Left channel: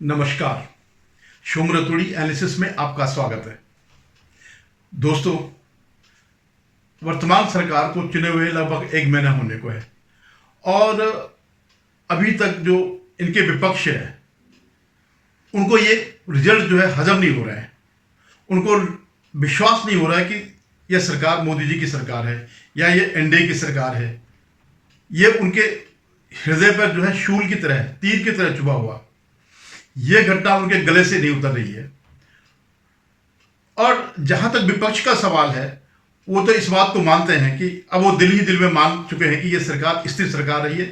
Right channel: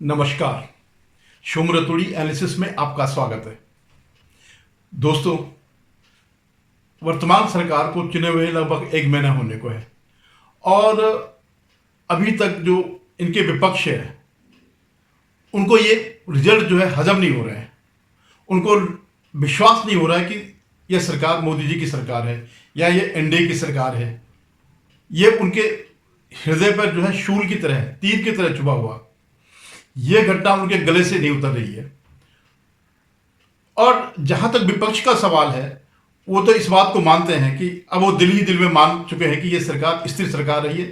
नमस्कार। शुभ रतुड़ी एनालिसिस में आपका स्वागत है। दोस्तों, वर्तमान सरकार को चुने हुए लगभग 1 महीना होने को है और अभी तक जो इनके विपक्ष है उनको ये रिजल्ट जो है हजम नहीं हो रहे हैं। उनको विश्वास नहीं हो रहा है कि यह सरकार मोदी जी की सरकार है या ये एनडीए की सरकार है। ये उनके हृदय पर जो है शूल की तरह, तीर की तरह चुभा हुआ यह घटना उनके गले से नहीं उतर रही है। और जहां तक विपक्ष का सवाल है, वो तो इस बात को मानते हैं कि अब वो दिल ही दिल में मान चुके हैं कि यह सरकार स्थिर सरकार रही है,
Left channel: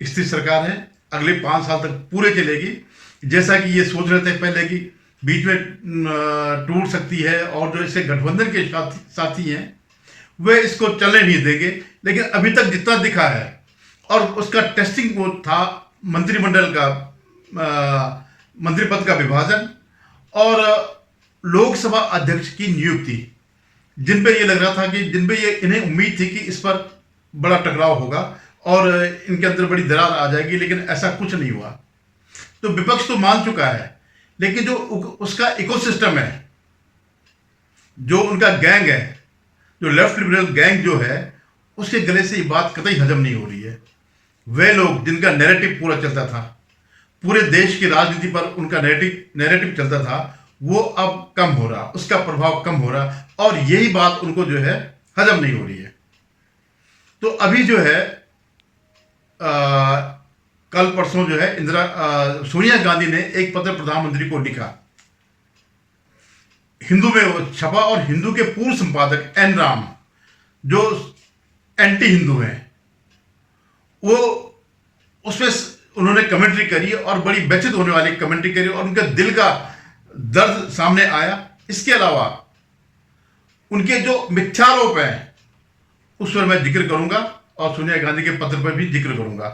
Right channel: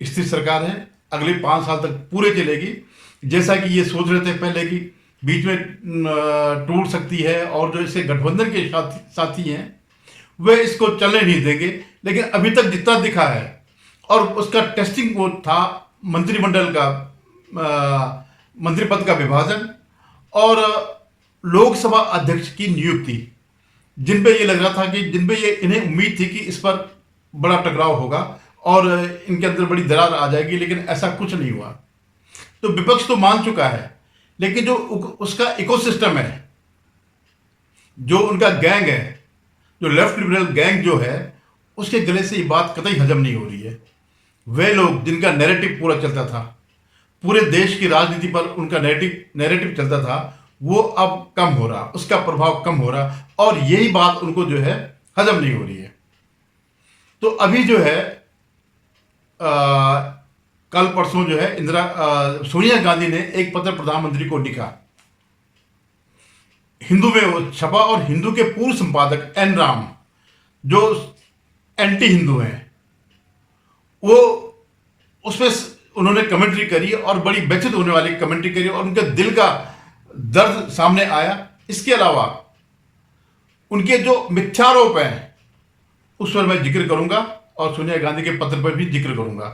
स्थिर सरकार है, अगले 5 साल तक पूरे चलेगी। जैसा कि ये सोच रहे थे पहले कि बीच में टूट सकती है और जो इसे गठबंधन के साथी हैं वे इसको चलने नहीं देंगे, लेकिन अभी तक जितना दिखा है और उसका टेस्टिंग वो था मंत्रिमंडल का मंत्री पद का विभाजन और लोकसभा अध्यक्ष की नियुक्ति, जिन पे ये लग रहा था कि जिन पे ये इन्हें उम्मीद थी कि इस पर बड़ा टकराव होगा और इनके अंदर बड़ी दरार आ जाएगी, लेकिन ऐसा कुछ नहीं हुआ। तो विपक्ष तो मान चुका है, लेकिन जो उसका इकोसिस्टम है, जो उनका गैंग है, जो लेफ्ट लिबरल गैंग जो है, उसके गले से ये बात कतई हजम नहीं हो रही है। वे लोग जिनका नैरेटिव पूरा चलता था, पूरे देश की राजनीति पर उनका नैरेटिव चलता था, वो अब कम हो रहा, उसका प्रभाव कम हो रहा और यही बात उनको जो है हजम नहीं हो रही है। तो अभी जो है कल परसों जो है सोनिया गांधी ने एक पत्र प्रधानमंत्री को लिखा, हिंदू में वो छपा और हिंदू के पूर्व संपादक एन राम जो एंटी हिंदू हैं, वो उसमें उन्होंने कमेंट्री करी और बड़ी व्यथित होने वाली कमेंट्री करी और उनके दिल का दर्द सामने आया। इसके अलावा उनके जो मिथ्यारोप हैं उस पर मैं जिक्र करूंगा और सोनिया गांधी के पत्र पर भी जिक्र करूंगा,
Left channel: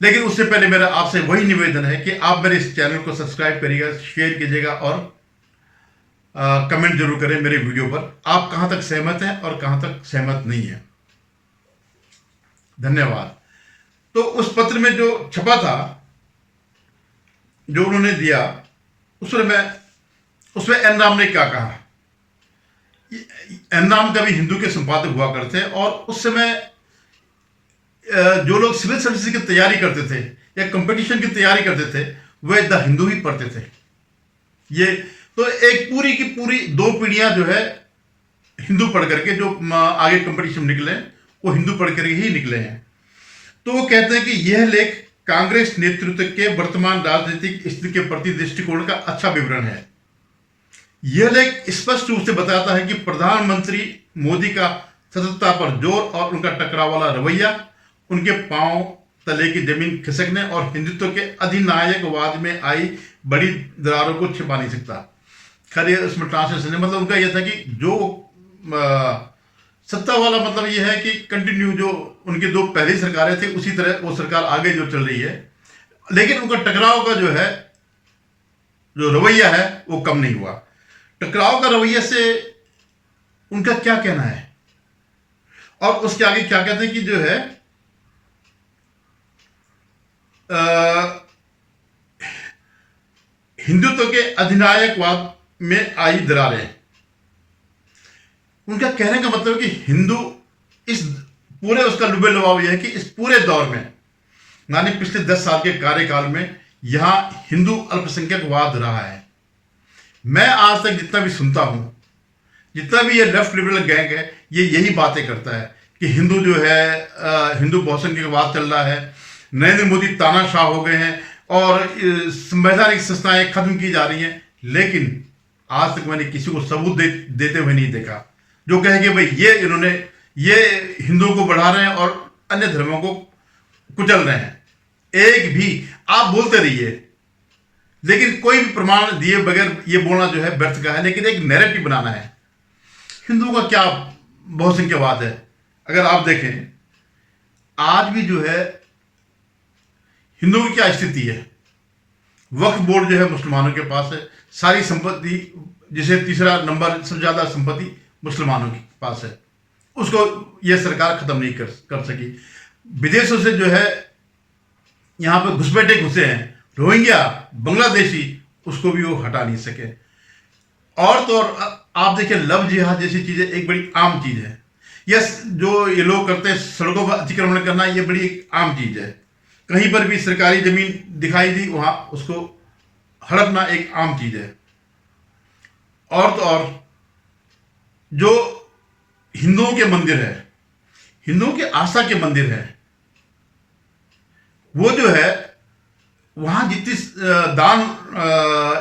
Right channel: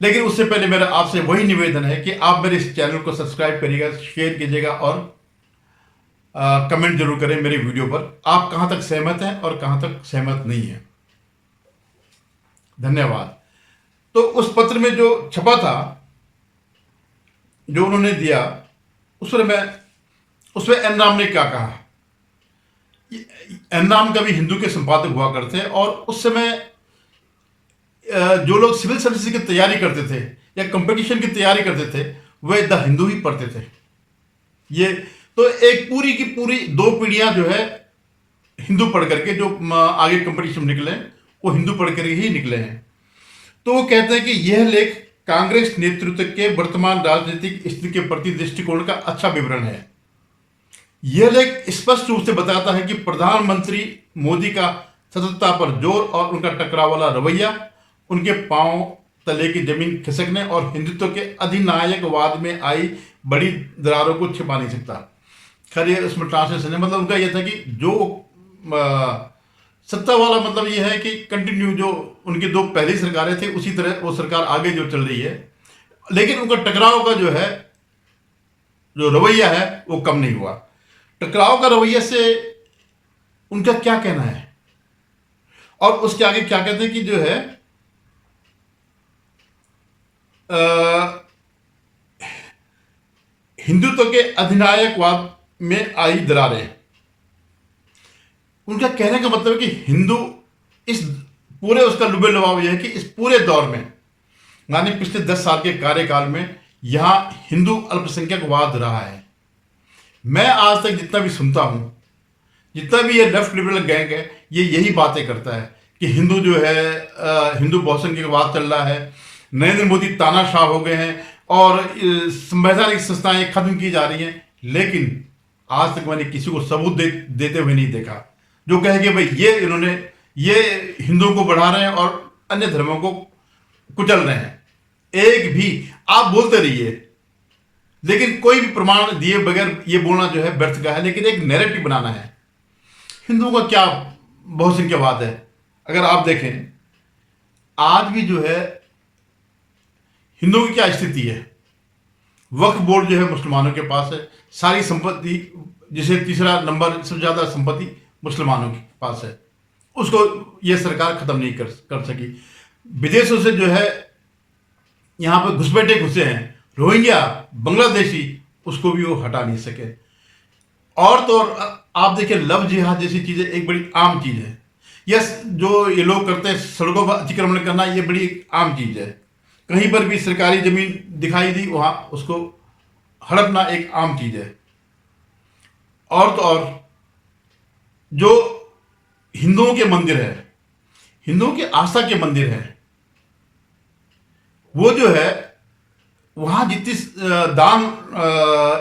लेकिन उससे पहले मेरा आपसे वही निवेदन है कि आप मेरे इस चैनल को सब्सक्राइब करिएगा, शेयर कीजिएगा और कमेंट जरूर करें मेरे वीडियो पर। आप कहां तक सहमत हैं और कहां तक सहमत नहीं है। धन्यवाद। तो उस पत्र में जो छपा था, जो उन्होंने दिया, उसमें एन राम ने क्या कहा। एन राम का भी हिंदू के संपादक हुआ करते और उस समय जो लोग सिविल सर्विस की तैयारी करते थे या कंपटीशन की तैयारी करते थे, वे द हिंदू ही पढ़ते थे। ये तो एक पूरी की पूरी 2 पीढ़ियां जो है हिंदू पढ़ करके जो आगे कंपटीशन निकले, वो हिंदू पढ़ कर ही निकले हैं। तो वो कहते हैं कि यह लेख कांग्रेस नेतृत्व के वर्तमान राजनीतिक स्थिति के प्रति दृष्टिकोण का अच्छा विवरण है। यह लेख स्पष्ट रूप से बताता है कि प्रधानमंत्री मोदी का सतर्कता पर जोर और उनका टकराव वाला रवैया उनके पांव तले की जमीन खिसकने और हिंदुत्व के अधिनायकवाद में आई बड़ी दरारों को छिपा नहीं सकता। खैर ये उसमें ट्रांसलेशन है, मतलब उनका यह था कि जो सत्ता वाला मतलब यह है कि कंटिन्यू जो उनकी 2 पहली सरकारें थी उसी तरह वो सरकार आगे जो चल रही है, लेकिन उनका टकराव का जो है जो रवैया है वो कम नहीं हुआ। टकराव का रवैया से उनका क्या कहना है और उसके आगे क्या कहते हैं कि जो है हिंदुत्व के अधिनायकवाद में आई दरारें। उनका कहने का मतलब है कि हिंदू इस पूरे उसका लुबे लुभाव यह है कि इस पूरे दौर में, यानी पिछले 10 साल के कार्यकाल में, यहां हिंदू अल्पसंख्यकवाद रहा है। मैं आज तक जितना भी सुनता हूं, जितना भी ये लेफ्ट लिबरल गैंग है, ये यही बातें करता है कि हिंदू जो है हिंदू बहुसंख्यकवाद चल रहा है, नरेंद्र मोदी तानाशाह हो गए हैं और संवैधानिक संस्थाएं खत्म की जा रही हैं। लेकिन आज तक मैंने किसी को सबूत देते हुए नहीं देखा जो कहे कि भाई ये हिंदुओं को बढ़ा रहे हैं और अन्य धर्मों को कुचल रहे हैं। एक भी आप बोलते रहिए, लेकिन कोई भी प्रमाण दिए बगैर ये बोलना जो है व्यर्थ का है। लेकिन एक नैरेटिव बनाना है। हिंदुओं का क्या बहुसंख्यवाद है, अगर आप देखें आज भी जो है हिंदुओं की क्या स्थिति है। वक्फ बोर्ड जो है मुसलमानों के पास है, सारी संपत्ति, जिसे तीसरा नंबर सबसे ज्यादा संपत्ति मुसलमानों के पास है, उसको यह सरकार खत्म नहीं कर सकी। विदेशों से जो है यहाँ पर घुसपैठे घुसे हैं, रोहिंग्या, बांग्लादेशी, उसको भी वो हटा नहीं सके। और तो और आप देखिए, लव जिहाद जैसी चीजें एक बड़ी आम चीज है। यस, जो ये लोग करते हैं सड़कों पर अतिक्रमण करना, ये बड़ी एक आम चीज है। कहीं पर भी सरकारी जमीन दिखाई दी, वहां उसको हड़पना एक आम चीज है। और तो और जो हिंदुओं के मंदिर है, हिंदुओं के आस्था के मंदिर है, वो जो है वहां जितनी दान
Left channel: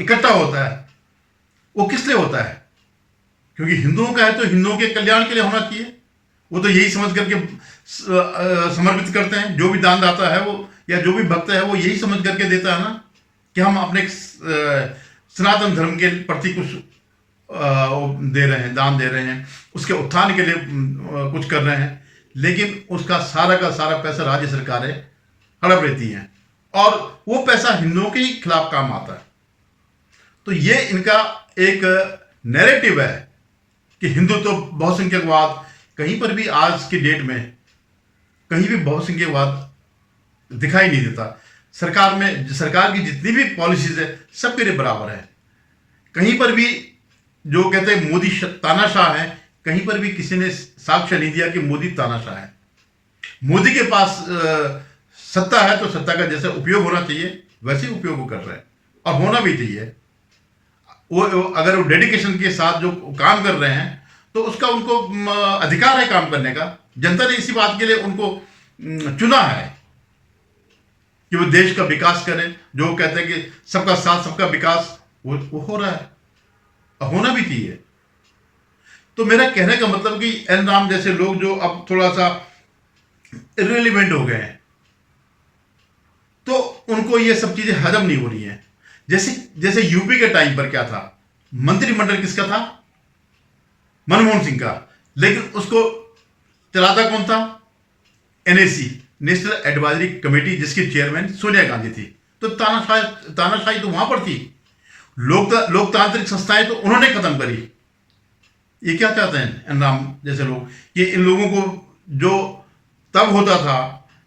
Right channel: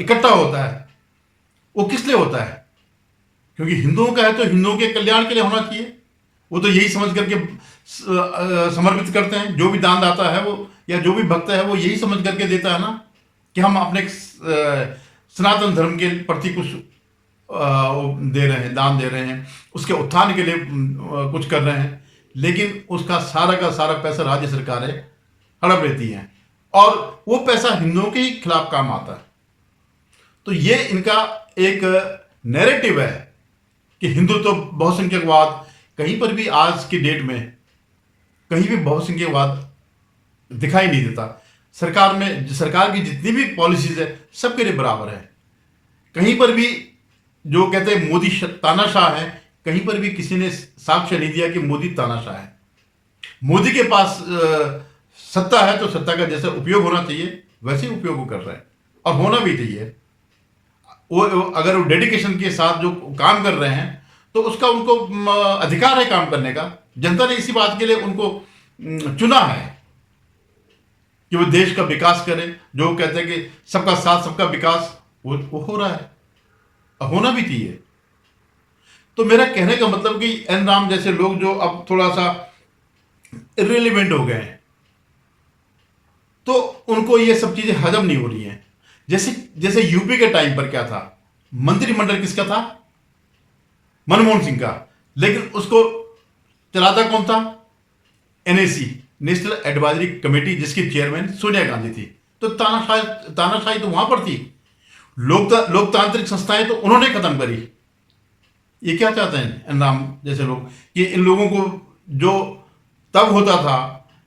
इकट्ठा होता है, वो किस लिए होता है? क्योंकि हिंदुओं का है तो हिंदुओं के कल्याण के लिए होना चाहिए। वो तो यही समझ करके समर्पित करते हैं। जो भी दानदाता है वो, या जो भी भक्त है, वो यही समझ करके देता है ना कि हम अपने सनातन धर्म के प्रति कुछ दे रहे हैं, दान दे रहे हैं, उसके उत्थान के लिए कुछ कर रहे हैं। लेकिन उसका सारा का सारा पैसा राज्य सरकारें हड़प लेती हैं, और वो पैसा हिंदुओं के ही खिलाफ काम आता है। तो ये इनका एक नैरेटिव है कि हिंदुत्व तो बहुसंख्यकवाद, कहीं पर भी आज की डेट में कहीं भी बहुसंख्यकवाद दिखाई नहीं देता। सरकार में, सरकार की जितनी भी पॉलिसीज है, सबके लिए बराबर है। कहीं पर भी जो कहते हैं मोदी तानाशाह है, कहीं पर भी किसी ने साक्ष्य नहीं दिया कि मोदी तानाशाह है। मोदी के पास सत्ता है तो सत्ता का जैसे उपयोग होना चाहिए वैसे ही उपयोग वो कर रहे हैं, और होना भी चाहिए। वो अगर वो डेडिकेशन के साथ जो काम कर रहे हैं तो उसका उनको अधिकार है काम करने का। जनता ने इसी बात के लिए उनको चुना है कि वो देश का विकास करें। जो कहते हैं कि सबका साथ सबका विकास, वो हो रहा है, होना भी चाहिए। तो मेरा कहने का मतलब कि एन राम जैसे लोग जो अब थोड़ा सा इररिलेवेंट हो गए हैं, तो उनको ये सब चीजें हजम नहीं हो रही हैं। जैसे यूपी के टाइम पर क्या था, मंत्रिमंडल किसका था? मनमोहन सिंह का। लेकिन उसको चलाता कौन था? एनएसी, नेशनल एडवाइजरी कमेटी, जिसकी चेयरमैन सोनिया गांधी थी। तो तानाशाही तो वहां पर थी। लोकतांत्रिक संस्थाएं तो उन्होंने खत्म करी। ये क्या चाहते हैं एन राम जैसे लोग? कि इन लोगों को जो तब होता था,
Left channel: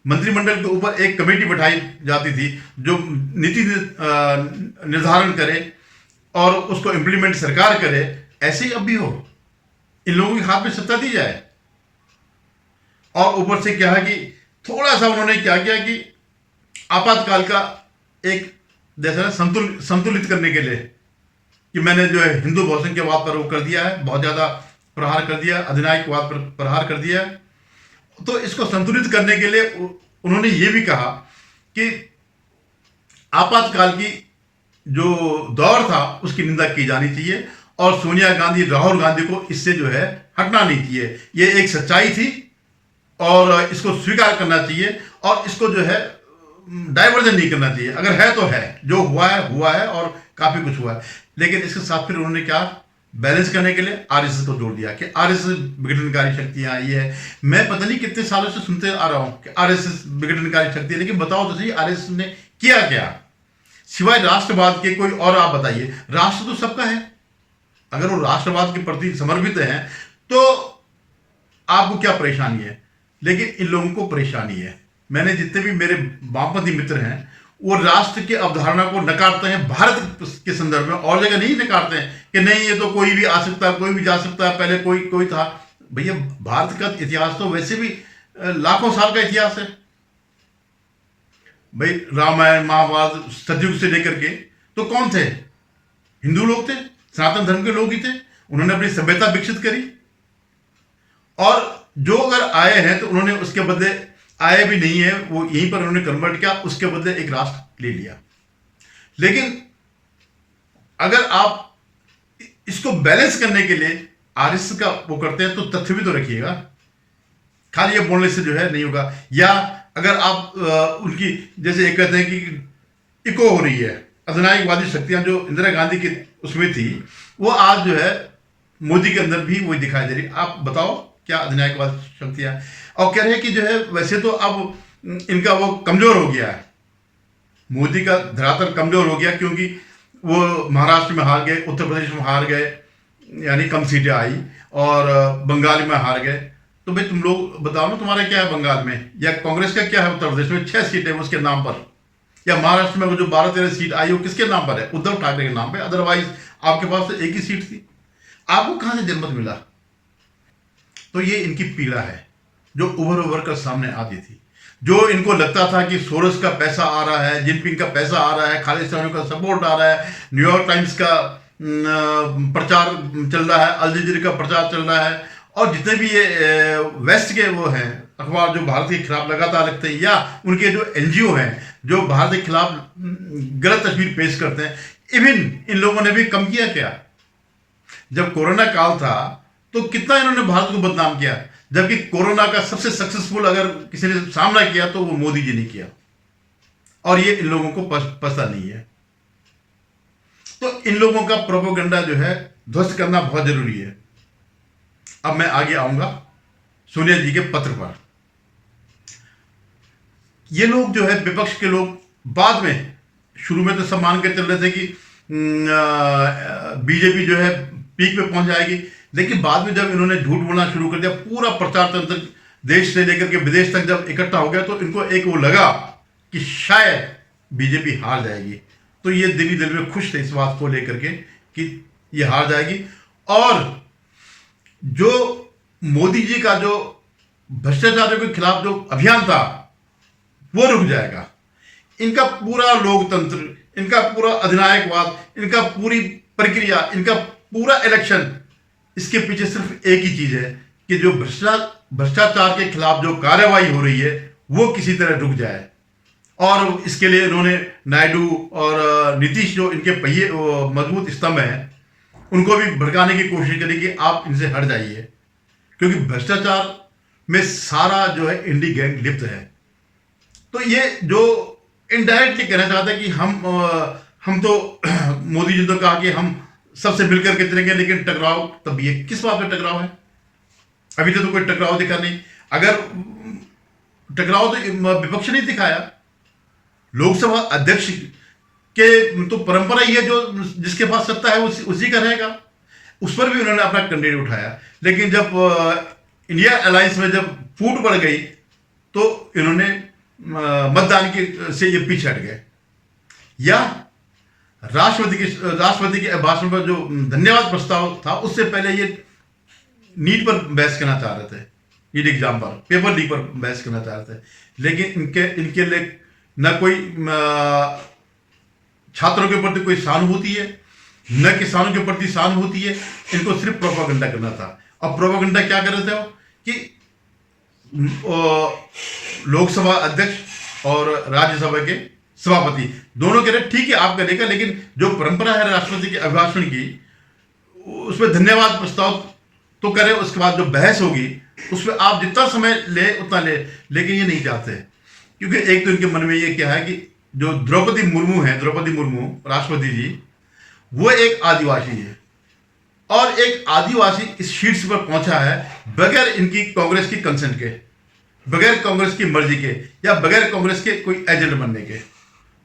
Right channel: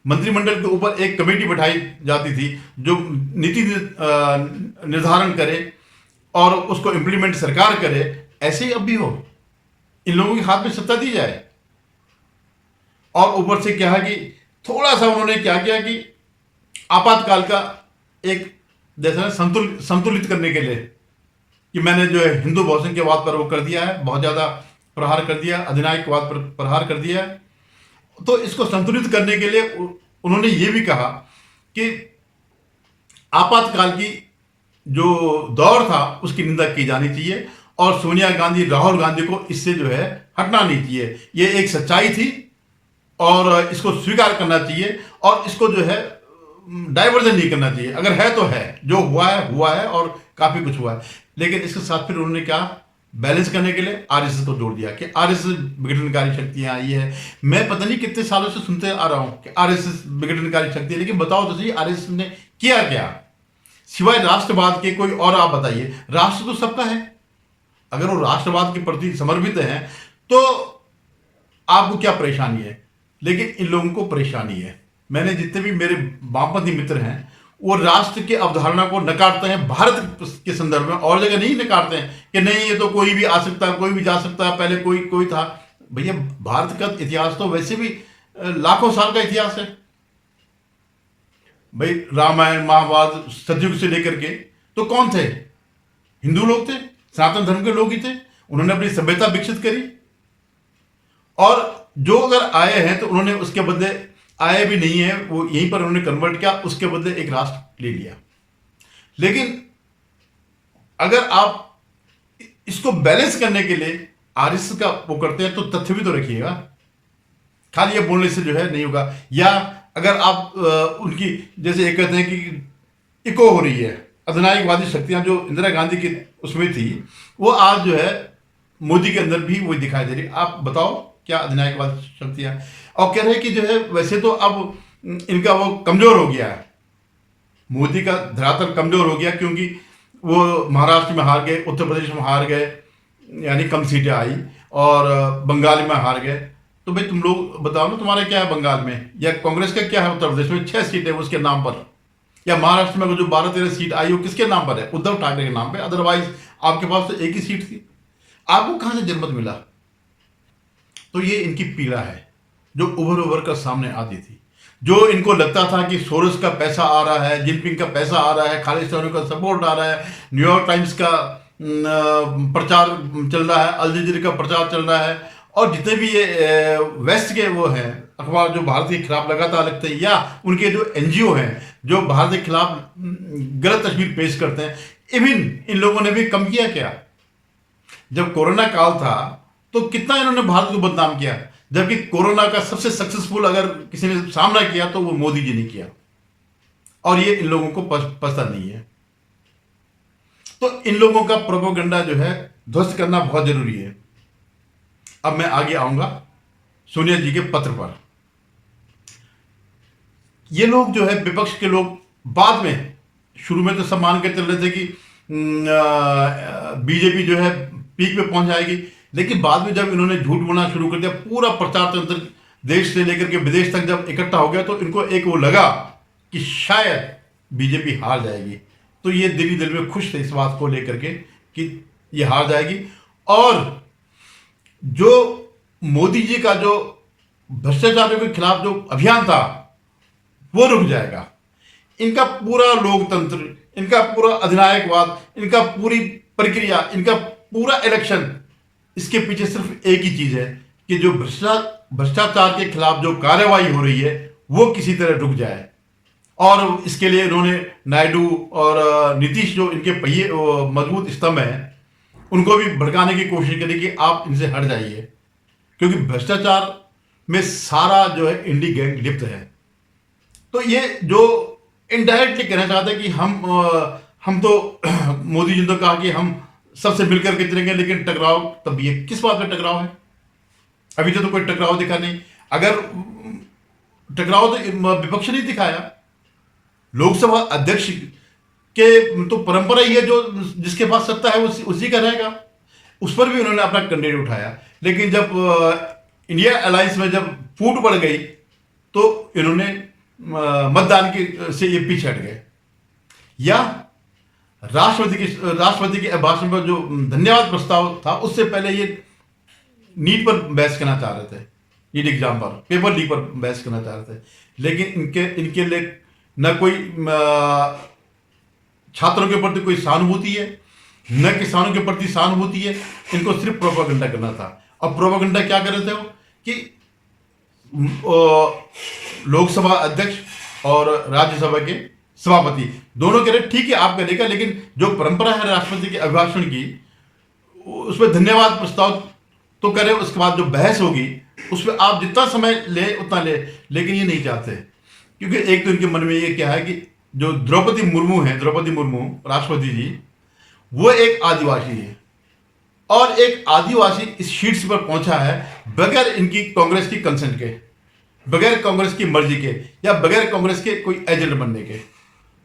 मंत्रिमंडल के ऊपर एक कमेटी बैठाई जाती थी जो नीति निर्धारण करे और उसको इम्प्लीमेंट सरकार करे, ऐसे ही अब भी हो। इन लोगों के हाथ में सत्ता दी जाए। और ऊपर से क्या है कि थोड़ा सा उन्होंने क्या किया कि आपातकाल का एक जैसा संतुलित करने के लिए कि मैंने जो है हिंदू बहुसंख्यवाद पर वो कर दिया है, बहुत ज़्यादा प्रहार कर दिया, अधिनायकवाद पर प्रहार कर दिया है। तो इसको संतुलित करने के लिए उन्होंने ये भी कहा कि आपातकाल की जो दौर था उसकी निंदा की जानी चाहिए, और सोनिया गांधी, राहुल गांधी को इससे जो है हटना नहीं चाहिए। ये एक सच्चाई थी और इसको स्वीकार करना चाहिए, और इसको जो है डाइवर्जन नहीं करना चाहिए। अगर है तो है, जो हुआ है और काफी कुछ हुआ है। लेकिन इसके साथ फिर उन्होंने क्या, बैलेंस करने के लिए आरएसएस को जोड़ दिया कि आरएसएस विघटनकारी शक्तियां ये है। मैं पता नहीं कितने सालों से सुनते आ रहा हूं कि आरएसएस विघटनकारी शक्ति है, लेकिन बताओ तो सही आरएसएस ने किया क्या सिवाय राष्ट्रवाद के? कोई और आप बताइए। राष्ट्र तो सबका है। अगर वो राष्ट्रवाद के प्रति समर्पित हैं तो आपको क्या परेशानी है? लेकिन इन लोगों को परेशानी है। मैंने जितने भी मेरे वामपंथी मित्र हैं, वो राष्ट्र की अवधारणा को नकारते हैं भारत के संदर्भ में, और जगह नहीं नकारते हैं कि नहीं ये तो कोई भी आ सकता है, कोई भी जा सकता है, पहले कोई था। भैया, भारत का इतिहास तो वैसे भी लाखों साल का इतिहास है भाई। रामायण, महाभारत, सतयुग से लेकर के तो कौन थे? हिंदू लोग थे, सनातन धर्म के लोग ही थे। उन्होंने अपनी सभ्यता विकसित करी, और जो अगर आए हैं तो उन्होंने उसके बदले, आए भी नहीं है वो यहीं पर उन्होंने कन्वर्ट किया, उसके बदले एक राष्ट्र ले लिया। लेकिन अगर आप इसको बैलेंस करने के लिए आरएसएस का वो करते हैं तो तथ्य भी तो रखिएगा। खाली ये बोलने से जो है नहीं होगा। या अगर आप उनकी, जैसे एक कहते हैं कि इको हो रही है, अधिनायकवादी शक्तियां जो इंदिरा गांधी की उसमें थी, वो आज जो है मोदी के अंदर भी वही दिखाई दे रही। आप बताओ क्या अधिनायकवादी शक्तियां? और कह रहे हैं कि जो है वैसे तो अब इनका वो कमजोर हो गया है, मोदी का धरातल कमजोर हो गया, क्योंकि वो महाराष्ट्र में हार गए, उत्तर प्रदेश में हार गए, यानी कम सीटें आई, और बंगाल में हार गए। तो भाई तुम लोग बताओ ना, तुम्हारे क्या है बंगाल में, या कांग्रेस का क्या है उत्तर प्रदेश में? 6 सीटें उसके नाम पर। या महाराष्ट्र में जो 12-13 सीट आई वो किसके नाम पर है? उद्धव ठाकरे के नाम पे। अदरवाइज आपके पास तो एक ही सीट थी। आपको कहां से जनमत मिला? तो ये इनकी पीड़ा है जो उभर कर सामने आती थी। जो इनको लगता था कि सोरोस का पैसा आ रहा है, जिनपिंग का पैसा आ रहा है, खालिस्तानियों का सपोर्ट आ रहा है, न्यूयॉर्क टाइम्स का प्रचार चल रहा है, अल जजीरा का प्रचार चल रहा है, और जितने भी ये वेस्ट के वो हैं अखबार जो भारत के खिलाफ लगातार लिखते हैं, या उनके जो एनजीओ हैं जो भारत के खिलाफ गलत तस्वीर पेश करते हैं, इवन इन लोगों ने भी कम किया क्या? जब कोरोना काल था तो कितना इन्होंने भारत को बदनाम किया, जबकि कोरोना का सबसे सक्सेसफुल अगर किसी ने सामना किया तो वो मोदी जी ने किया, और ये इन लोगों को पता नहीं है। तो इन लोगों का प्रोपेगेंडा जो है ध्वस्त करना बहुत जरूरी है। अब मैं आगे आऊंगा सोनिया जी के पत्र पर। ये लोग जो है विपक्ष के लोग बाद में, शुरू में तो सब मान के चल रहे थे कि बीजेपी जो है पीक पे पहुंच जाएगी, लेकिन बाद में जब इन्होंने झूठ बोलना शुरू कर दिया, पूरा प्रचार तंत्र देश से लेकर के विदेश तक जब इकट्ठा हो गया, तो इनको एक वो लगा कि शायद बीजेपी हार जाएगी। तो ये दिल में खुश थे इस बात को लेकर के कि ये हार जाएगी, और जो मोदी जी का जो भ्रष्टाचारियों के खिलाफ जो अभियान था वो रुक जाएगा। इनका पूरा लोकतंत्र, इनका पूरा अधिनायकवाद, इनका पूरी प्रक्रिया, इनका पूरा इलेक्शन, इसके पीछे सिर्फ एक ही चीज है कि जो भ्रष्टाचार के खिलाफ जो कार्रवाई हो रही है वो किसी तरह रुक जाए। और इसके लिए इन्होंने नायडू और नीतीश जो इनके पहिए मजबूत स्तंभ हैं उनको भी भड़काने की कोशिश करी कि आप इनसे हट जाइए, क्योंकि भ्रष्टाचार में सारा जो है इंडी गैंग लिप्त है। तो ये जो इनडायरेक्टली कहना चाहते हैं कि हम तो मोदी जी ने कहा कि हम सबसे मिलकर के चलेंगे, लेकिन टकराव तब भी है। किस बात पे टकराव है? अभी तो कोई टकराव दिखा नहीं। अगर टकराव तो विपक्ष ने दिखाया, लोकसभा अध्यक्ष के तो परंपरा ही है, जो जिसके पास सत्ता है उसी का रहेगा। उस पर भी उन्होंने अपना कैंडिडेट उठाया, लेकिन जब इंडिया अलायंस में जब फूट पड़ गई तो इन्होंने मतदान से ये पीछे हट गए। या राष्ट्रपति के भाषण पर जो धन्यवाद प्रस्ताव था, उससे पहले ये नीट पर बहस करना चाह रहे थे, नीट एग्जाम पर, पेपर लीक पर बहस करना चाह रहे थे, लेकिन इनके लिए न कोई छात्रों के प्रति कोई सहानुभूति है, न किसानों के प्रति सहानुभूति है। इनको सिर्फ प्रोपेगेंडा करना था। और प्रोपेगेंडा क्या कर रहे थे वो कि लोकसभा अध्यक्ष और राज्यसभा के सभापति दोनों कह रहे ठीक है आप करेगा, लेकिन जो परंपरा है राष्ट्रपति के अभिभाषण की, उसमें धन्यवाद प्रस्ताव तो करें, उसके बाद जो बहस होगी उसमें आप जितना समय ले उतना ले। लेकिन ये नहीं चाहते, क्योंकि एक तो इनके मन में ये क्या है कि जो द्रौपदी मुर्मू राष्ट्रपति जी, वो एक आदिवासी है, और एक आदिवासी इस शीट्स पर पहुंचा है बगैर इनकी कांग्रेस की कंसेंट के, बगैर कांग्रेस की मर्जी के, या बगैर कांग्रेस के कोई एजेंट बनने के।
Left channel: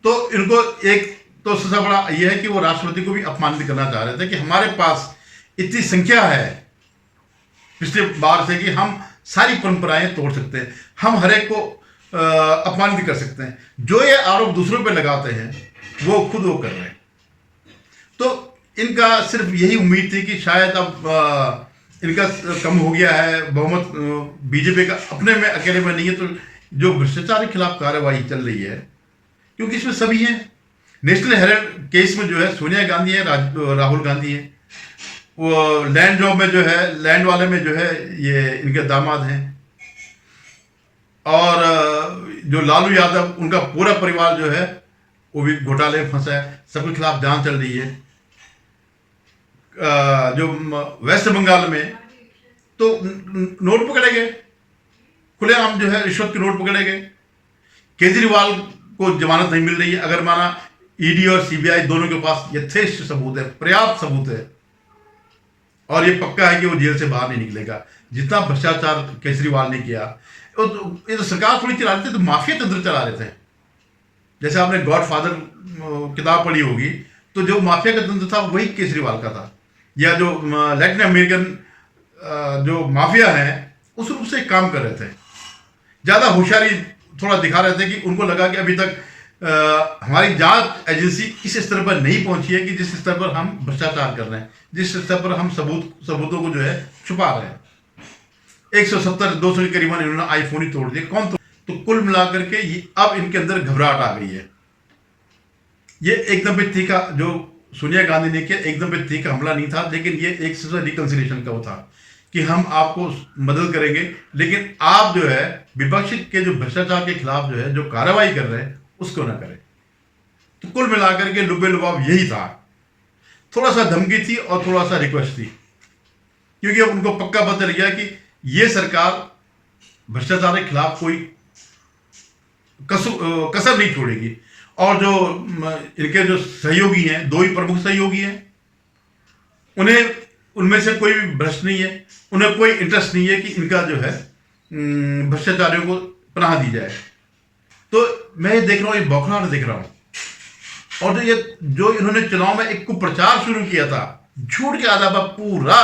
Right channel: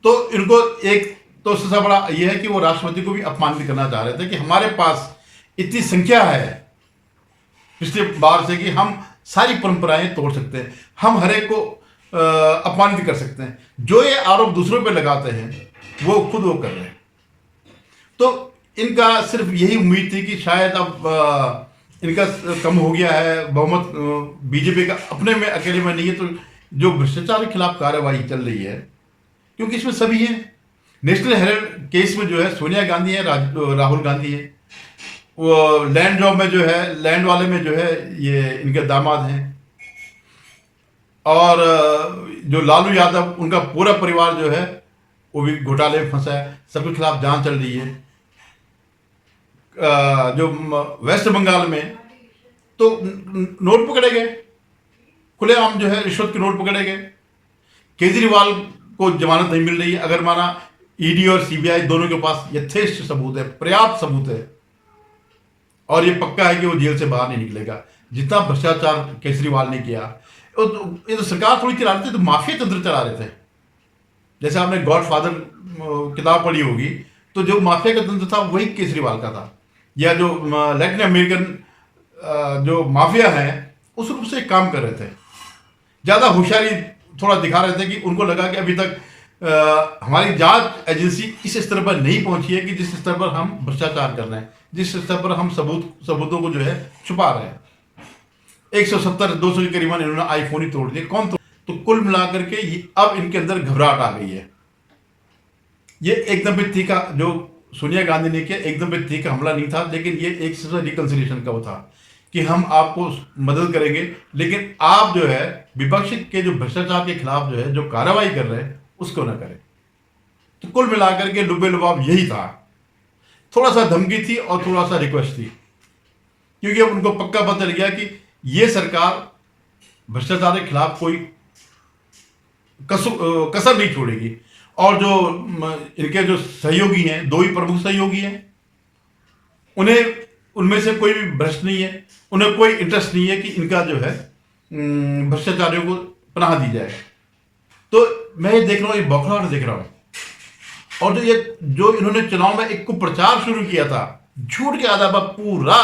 तो इनको एक तो सबसे बड़ा यह है कि वो राष्ट्रपति को भी अपमानित करना चाह रहे थे कि हमारे पास इतनी संख्या है पिछले बार से कि हम सारी परंपराएं तोड़ सकते हैं, हम हर एक को अपमानित कर सकते हैं। जो ये आरोप दूसरों पे लगाते हैं वो खुद वो कर रहे हैं। तो इनका सिर्फ यही उम्मीद थी कि शायद अब इनका कम हो गया है बहुमत, बीजेपी का अपने में अकेले में नहीं है, तो जो भ्रष्टाचार के खिलाफ कार्रवाई चल रही है, क्योंकि इसमें सभी हैं। नेशनल हेराल्ड केस में जो है सोनिया गांधी है, राहुल गांधी है, वो लैंड जॉब में जो है, लैंड वाले में जो है ये इनके दामाद हैं, और जो लालू यादव उनका पूरा परिवार जो है वो भी घोटाले में फंसा है। सबके खिलाफ जांच चल रही है। जो वेस्ट बंगाल में तो नोट पकड़े गए, खुलेआम जो है रिश्वत के नोट पकड़े गए। केजरीवाल को जमानत नहीं मिल रही है, अगर माना ईडी और सीबीआई दोनों के पास यथेष्ट सबूत है, पर्याप्त सबूत है, और ये पक्का है कि वो जेल से बाहर नहीं निकलेगा। जितना भ्रष्टाचार केजरीवाल ने किया, ये तो सरकार थोड़ी चला रही थी, तो माफिया तंत्र चला रहे थे। जैसे आपने गॉडफादर किताब पढ़ी होगी, तो जो माफिया का तंत्र था वही केजरीवाल का था, या जो लैटिन अमेरिकन जो माफिया हैं उस रूप से काम कर रहे थे। ज़्यादा होशियारी थोड़ा दिखा रहे थे कि उनको लगा कि अभी तक हमारी जांच एजेंसी इस स्तर पर नहीं पहुंची है कि जिस स्तर पर हम भ्रष्टाचार कर रहे हैं, जिस स्तर पर हम सबूतों को जो है छुपा रहे हैं। 170-200 के करीबन इन्होंने आईफोन ही तोड़ दिए। कौन तो कुल मिलाकर के अब इनके अंदर घबराहट आ गई है। ये एकदम भी तीखा जो सोनिया गांधी ने किया, एकदम भी तीखा हमला नहीं था, लेकिन ये एक से रिकंसिलिएशन का वो था कि हम आपको मदद करेंगे, लेकिन आप जो है विपक्ष के जो भ्रष्टाचार के खिलाफ जो है जो कार्रवाई कर रहे हैं उसको ना करें। तो कुल मिलाकर के लुबे लुबाव यही था। थोड़ा सा धमकी थी और थोड़ा सा रिक्वेस्ट थी, क्योंकि अब उनको पक्का पता चल गया कि ये सरकार भ्रष्टाचार के खिलाफ कोई कसर नहीं छोड़ेगी। और जो इनके जो सहयोगी हैं, दो ही प्रमुख सहयोगी हैं, उन्हें उनमें से कोई भी भ्रष्ट नहीं है, उन्हें कोई इंटरेस्ट नहीं है कि इनका जो है भ्रष्टाचारियों को पनाह दी जाए। तो मैं ये देख रहा हूँ, ये बौखलाहट देख रहा हूँ। और जो इन्होंने चुनाव में एक प्रचार शुरू किया था, झूठ के आधार पर पूरा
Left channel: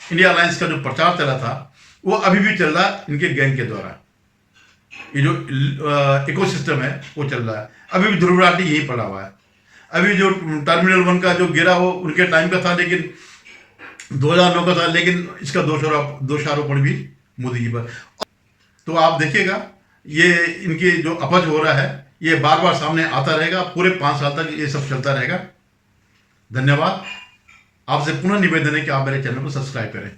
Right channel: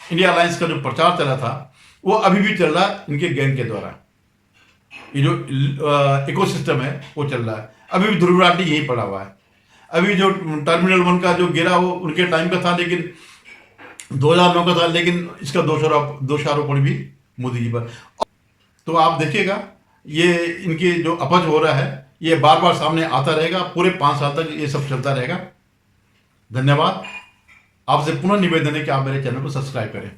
इंडिया अलायंस का जो प्रचार चला था वो अभी भी चल रहा है इनके गैंग के द्वारा। ये जो इकोसिस्टम है वो चल रहा है, अभी भी ध्रुवराठी यही पड़ा हुआ है। अभी जो टर्मिनल 1 का जो गिरा वो उनके टाइम का था, लेकिन 2009 का था, लेकिन इसका दोषारोपण भी मोदी जी पर। तो आप देखिएगा ये इनके जो अपच हो रहा है ये बार बार सामने आता रहेगा, पूरे 5 साल तक ये सब चलता रहेगा। धन्यवाद। आपसे पुनः निवेदन है कि आप मेरे चैनल को सब्सक्राइब करें।